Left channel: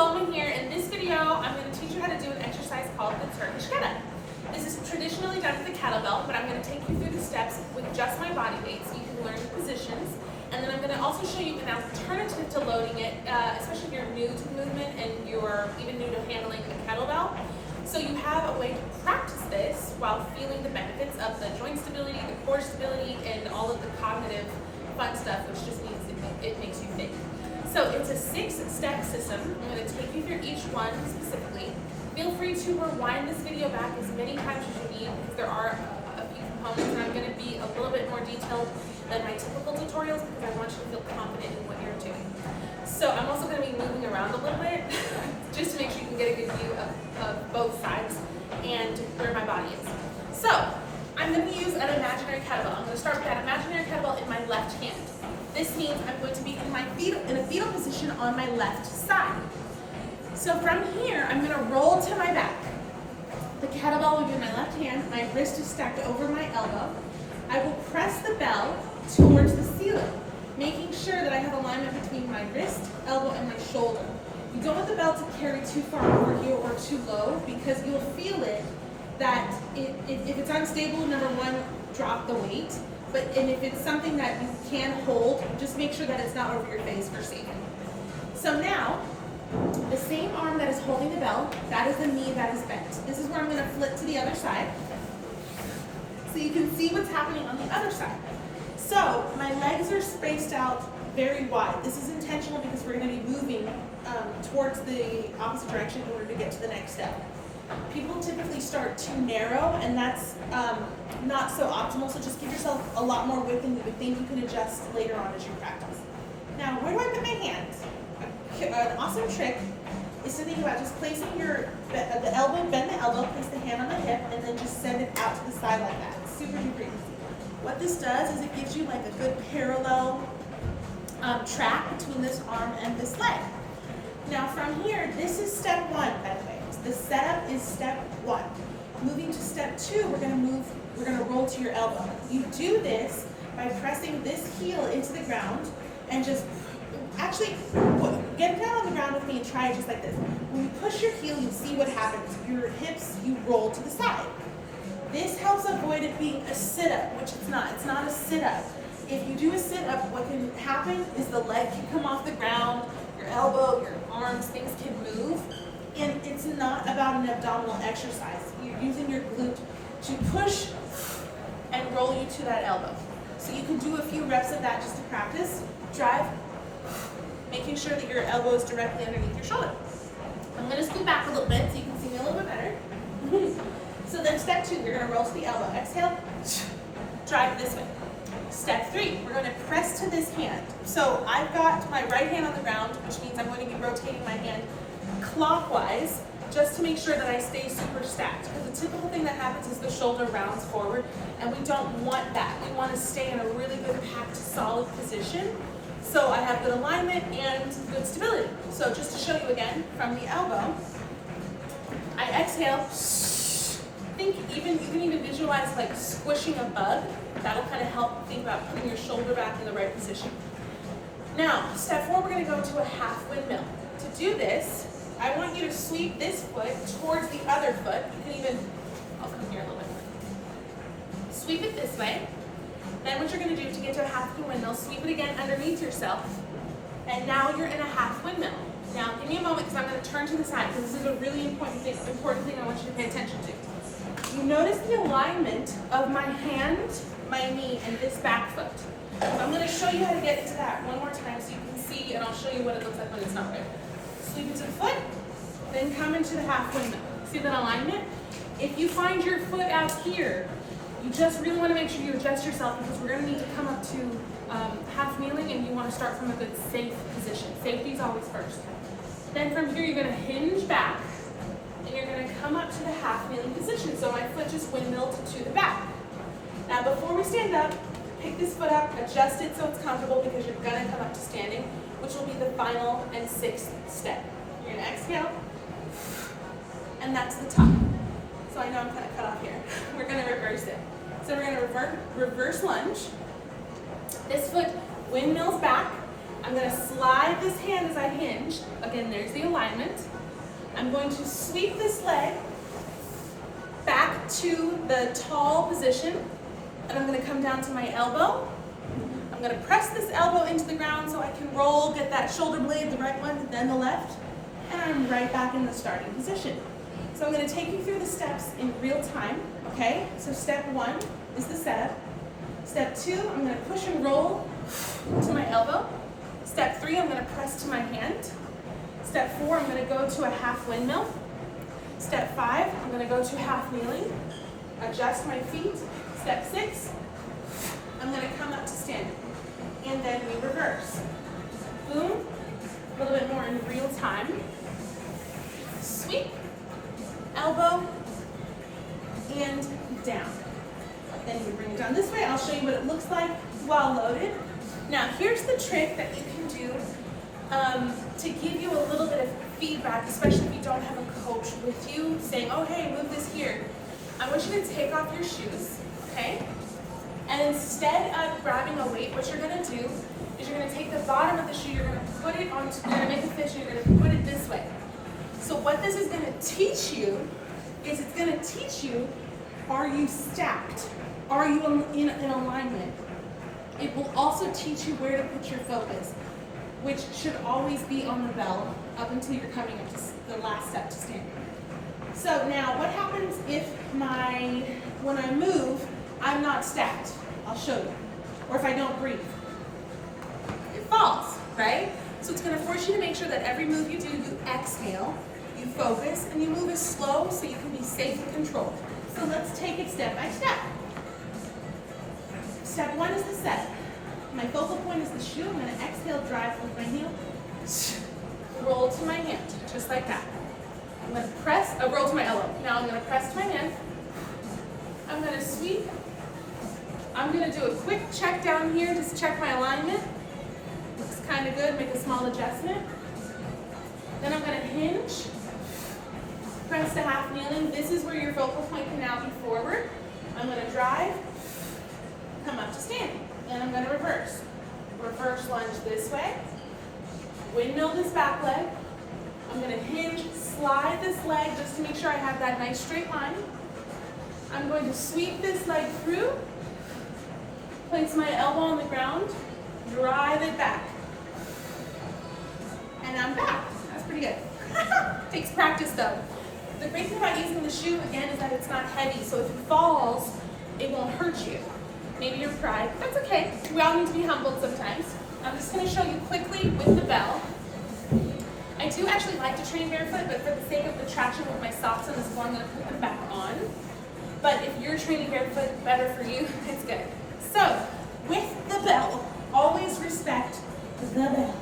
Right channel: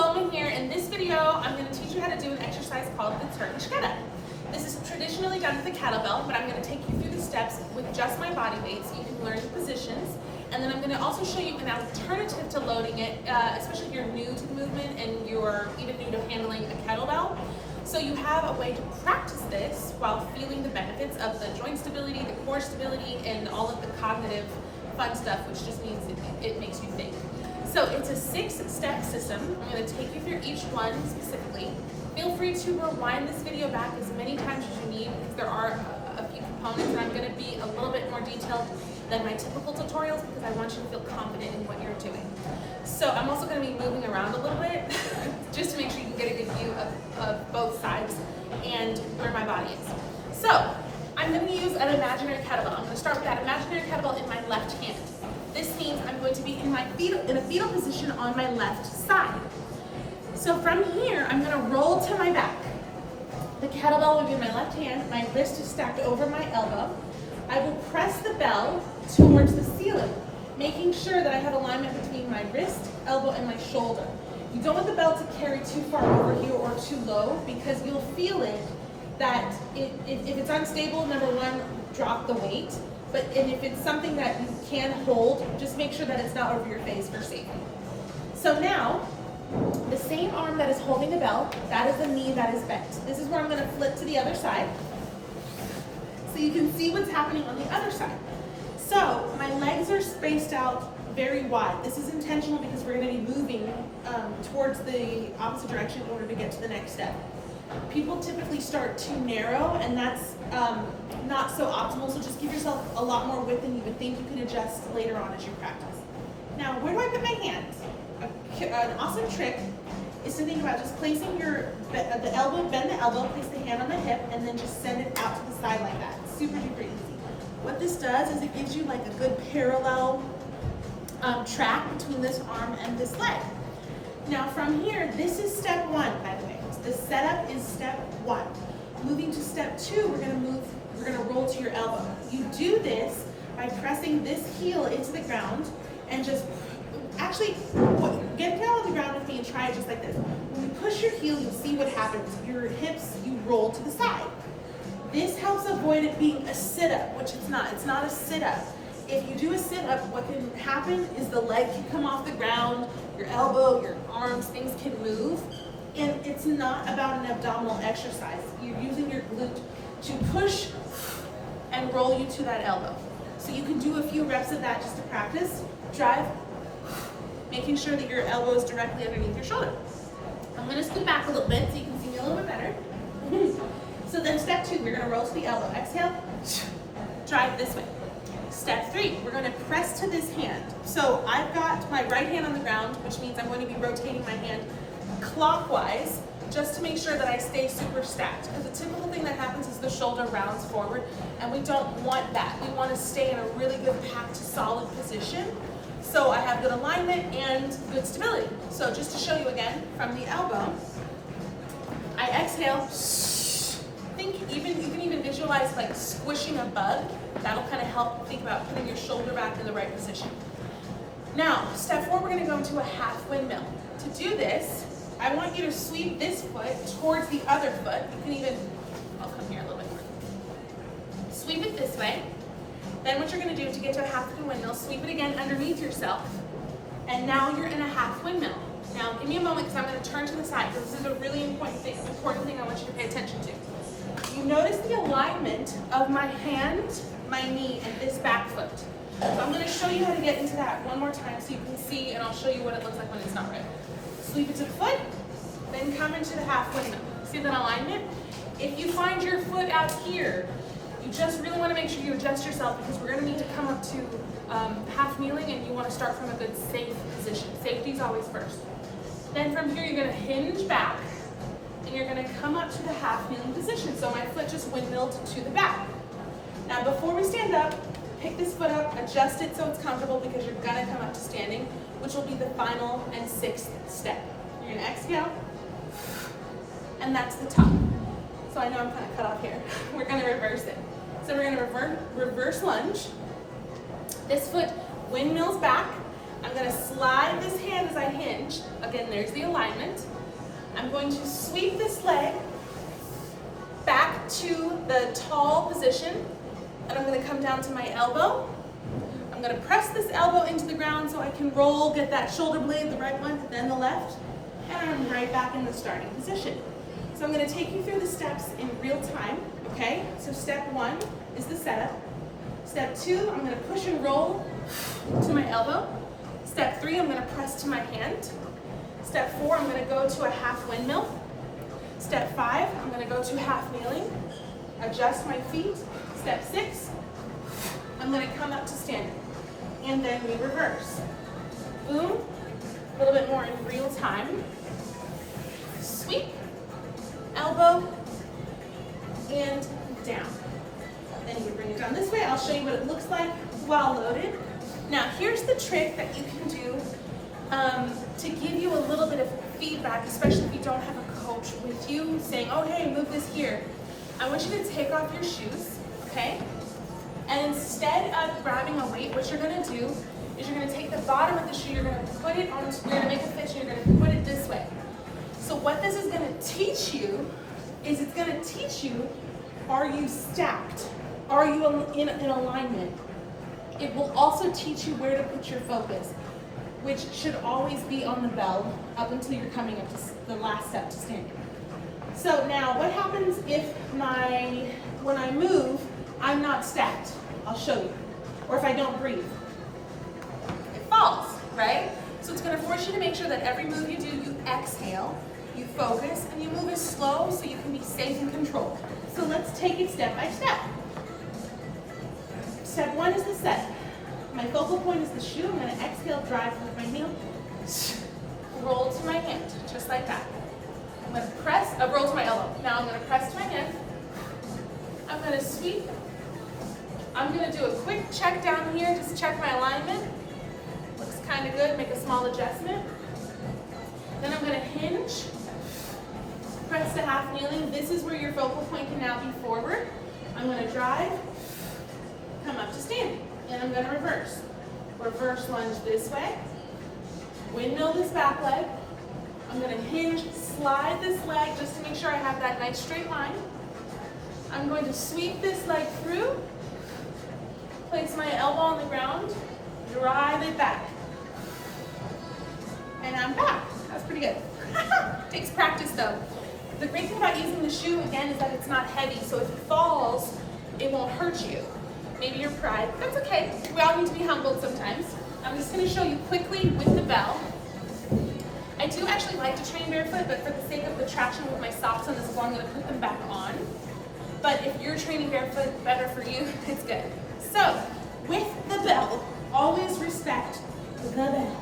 Paloma here. In this video, I'm going to teach you how to do an exercise called the Turkish get-up. This is traditionally done with a kettlebell, but I'm going to take you through the steps with just my body weight so you can learn the positions. And then I'm going to also show you an alternative to loading it, especially if you're new to the movement and you're even new to handling a kettlebell. So you have a way to practice this while feeling the benefits of the joint stability, the core stability, and all of the cognitive fun stuff, which just means it makes you think. So it's a 6-step system. I'm going to take you through each one specifically. Feel free to rewind this video back as many times as you need, because there are a few components, and I'm going to be a little bit more detailed than my typical tutorials because I want you to feel confident in what you're doing. So I'm also going to be moving around a little bit just to make sure you can get a good view of both sides and where my body is. So I'm going to use an imaginary kettlebell. I'm going to start with that imaginary kettlebell in my left hand. This means I'm going to be in a fetal position on my left side. So from here, I'm going to roll to my back. The kettlebell will be in my left hand. My wrist is stacked over my elbow. I will press the bell towards the ceiling, making sure that I have alignment between my wrist, elbow, and my shoulder. You don't want the bell to carry too far over you or too low, because you'll feel it that if it's unstable, number one, drop the weight. And if it's something that you can hold, just make sure that it's not over your face for safety. So now, the same arm that is holding the bell, that is the knee that is bent. This is where I'm going to flip to the other side, so you can see what's happening on the other side. So my legs are spaced out very wide. This is intentional because we're going to be moving towards the opposite direction in order to get to the next step. People typically start too narrow, and that's not so optimal, so just give yourself a lot more width than you would think. You can adjust later on as you practice. Now, where do I put my hands? An awesome trick is to think about just placing the elbow, bend the elbow, place the hand on the hip, and then just send it out to the side like that. It's super duper easy. What this does is it gives you like a good parallel track between this arm and this leg. Now from here, this is step 1, by the way. The setup is step 1. Moving to step 2, we're going to roll to your elbow. You do this by pressing this heel into the ground and just actually get down on the ground with me and try it just like this. When you push your heel, you'll see what happens. Your hips, you roll to the side. This helps avoid it being a sit-up, which it's not. It's not a sit-up. If you do a sit-up, what can happen is the leg can come off the ground, your elbow, your arms, things can move. And it's not about an abdominal exercise. You're using your glute to push and roll you to that elbow. So you can do a few reps of that just to practice. Drive, making sure that your elbow is directly underneath your shoulder. I'm going to scoot back a little bit so you can see me a little bit better. So then step 2, we're going to roll to the elbow. Exhale, drive this way. Step 3, we're going to press to this hand. So I've got my right hand on the ground, which means I'm going to be rotating my hand clockwise just to make sure that I stay super stacked, because the typical thing that happens is the shoulder rounds forward, and we don't want that. We want to stay in a really good packed solid position so I have good alignment and good stability. So just to show you again, from the elbow, I exhale. You can even visualize like squishing a bug. That'll kind of help think about putting your shoulder back in the right position. Now, step 4, we're going to go into a half windmill. To do this, I want you to sweep this foot towards the other foot. You can even, I'll come here a little bit more. Sweep it this way. Then what you're going to do to get to a half windmill, sweep it again underneath yourself. And now you're in a half windmill. Now give me a moment because I'm going to turn to the side, because this is a really important thing I want you to pay attention to. You notice the alignment of my hand, my knee, and this back foot. So I'm going to show you how to get into that one more time so you can see, and I'll show you what it looks like when it's not right. Sweep it to the foot, then come into the half windmill. See that alignment? If you find your foot out here, you just really want to make sure you adjust yourself, because we're going to need to come up to half kneeling, and you want to start from a good safe position. Safety is always first. Then from here, you're going to hinge back, and you're going to come up to the half kneeling position. So my foot just windmilled to the back. Now before we stand up, pick this foot up, adjust it so it's comfortable, because you're going to come up to standing, which will be the final and 6th step. You're going to exhale, and that's the top. So I know I'm kind of cut off here. We're going to reverse it. So we're going to reverse lunge. This foot windmills back, I'm gonna slide this hand as I hinge. Again, there's the alignment. I'm going to sweep this leg back to the tall position, and I'm gonna come down to my elbow. I'm gonna press this elbow into the ground so I can roll, get that shoulder blade, the right one, then the left, and I'm right back in the starting position. So I'm gonna take you through the steps in real time, okay? So step 1 is the setup. Step 2, I'm gonna push and roll to my elbow. Step 3, I'm gonna press to my hand. Step 4, I'm gonna go to a half windmill. Step 5, I'm gonna go to half kneeling, adjust my feet. Step 6, I'm gonna come up to standing, and then we reverse. Boom, a little bit more in real time. Sweep, elbow, and down. Then you would bring it down this way. I'll show you what it looks like while loaded. Now, here's the trick that you can do to give you a little bit of feedback, especially if you don't have a coach with you saying, oh, hey, move this here. I want you to take off your shoes, okay? And instead of grabbing a weight, what you're gonna do is you're gonna take the bottom of the shoe, you're gonna put it on, you're gonna make a fist, and you're gonna put it this way. So what this is gonna teach you is it's gonna teach you, are you stacked? Are you in alignment? It will also teach you where to put your focus, which should always be on the bell up until you're coming up to the last step to standing. So now what happens if when I move, I'm not stacked? I'll show you. Or if I don't breathe. It falls, right? So it's gonna force you to make sure that every move you do, you exhale, you focus, and you move it slow so you can be safe and controlled. So let's take it step by step. Step 1 is the set. My focal point is the shoe. I'm gonna exhale, drive with my heel, roll to my hand, just like that. I'm gonna press, roll to my elbow. Now I'm gonna press to my hand. I'm gonna sweep. I'm gonna do a quick check down here, just check my alignment. Looks kind of good, make a small adjustment. Then I'm gonna hinge, press to half kneeling. This is where your focal point can now be forward. I'm gonna drive, come up to standing, and I'm gonna reverse. Reverse lunge this way, windmill this back leg. I'm gonna hinge, slide this leg just to make sure I have that nice straight line. I'm going to sweep this leg through, place my elbow on the ground, drive it back. And I'm back. That's pretty good. Takes practice though. The great thing about using the shoe, again, is that it's not heavy, so if it falls, it won't hurt you. Maybe your pride, that's okay. We all need to be humbled sometimes. I'm just gonna show you quickly with the bell. I do actually like to train barefoot, but for the sake of the traction with my socks on this ball, I'm gonna put them back on. But if you're training barefoot, better for you, it's good. So, with the bell, always respect the bell.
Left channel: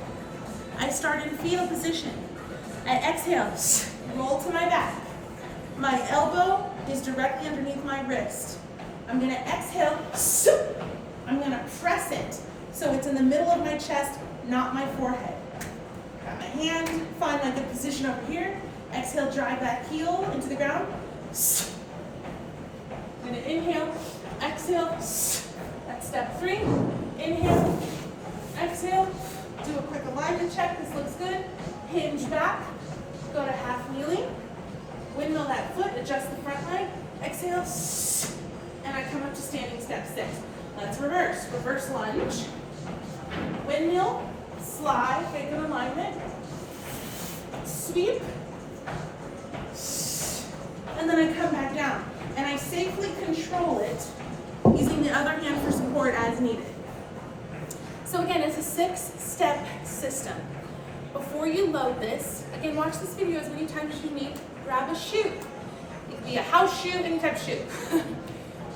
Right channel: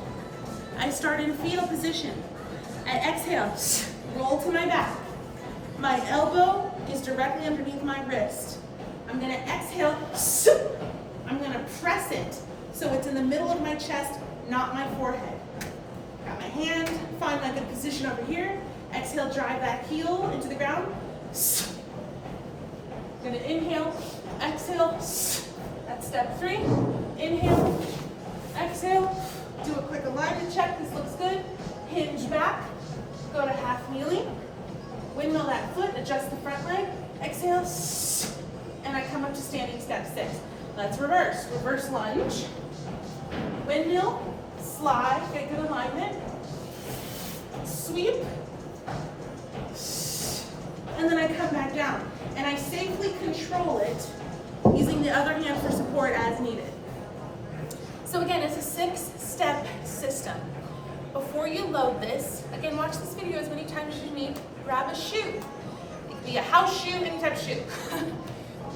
I start in fetal position. I exhale, roll to my back. My elbow is directly underneath my wrist. I'm gonna exhale, I'm gonna press it so it's in the middle of my chest, not my forehead. Got my hand, find my good position over here. Exhale, drive that heel into the ground. I'm gonna inhale, exhale, that's step 3. Inhale, exhale, do a quick alignment check, this looks good. Hinge back, go to half kneeling, windmill that foot, adjust the front leg, exhale, and I come up to standing step 6. Let's reverse. Reverse lunge, windmill, slide, get good alignment, sweep, and then I come back down. And I safely control it using the other hand for support as needed. So again, it's a 6-step system. Before you load this, again, watch this video as many times as you need. Grab a shoe. It could be a house shoe, any type of shoe.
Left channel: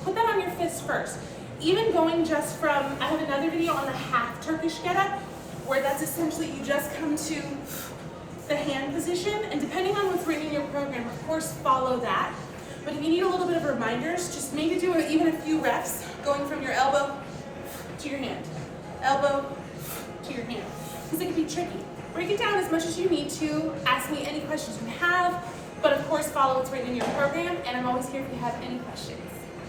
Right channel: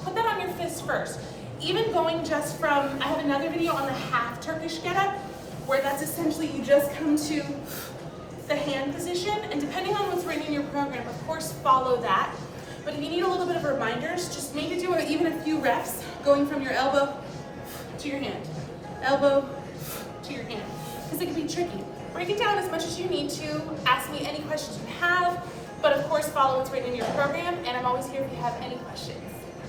Put that on your fist first. Even going just from, I have another video on the half Turkish getup, where that's essentially you just come to the hand position, and depending on what's written in your program, of course, follow that. But if you need a little bit of reminders, just maybe do even a few reps going from your elbow to your hand, elbow to your hand, because it can be tricky. Break it down as much as you need to. Ask me any questions you have, but of course follow what's written in your program, and I'm always here if you have any questions.